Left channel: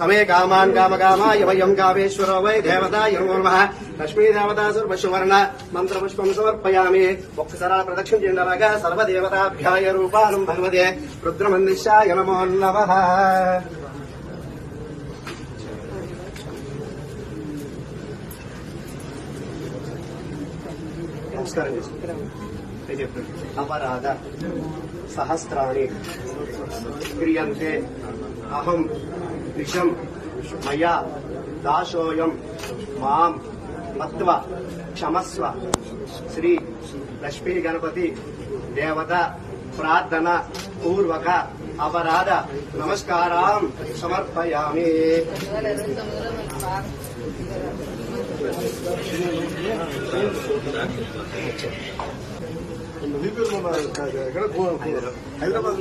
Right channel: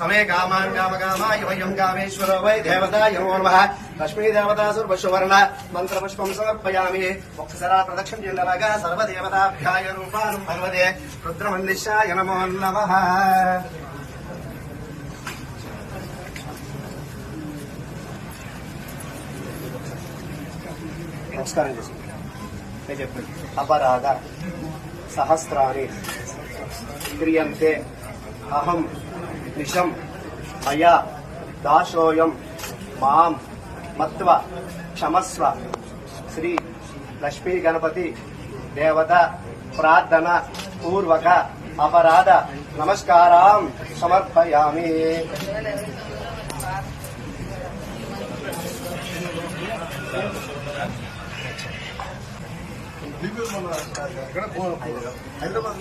समे कामान् कामकामाय वयं कामेश्वरो वै देवताय नमो नमः लक्ष्मी देवता सर्वस्वर्ण मन्त्रपुष्पं समर्पयामि मुक्तसरा प्रदक्षिण चिन्दरागा सर्वदेवताभ्याय रूपानं भगवते रुद्रमन्दिशाय नमो नमः नमस्कारं अपराध सहस्राणि क्रियन्ते अहं निशं मया दासोऽयं मां मत्वा क्षमस्व श्री लक्ष्मी गणपति देवता प्रार्थना पूर्वक अपराध नमस्कारां समर्पयामि। హైదరాబాద్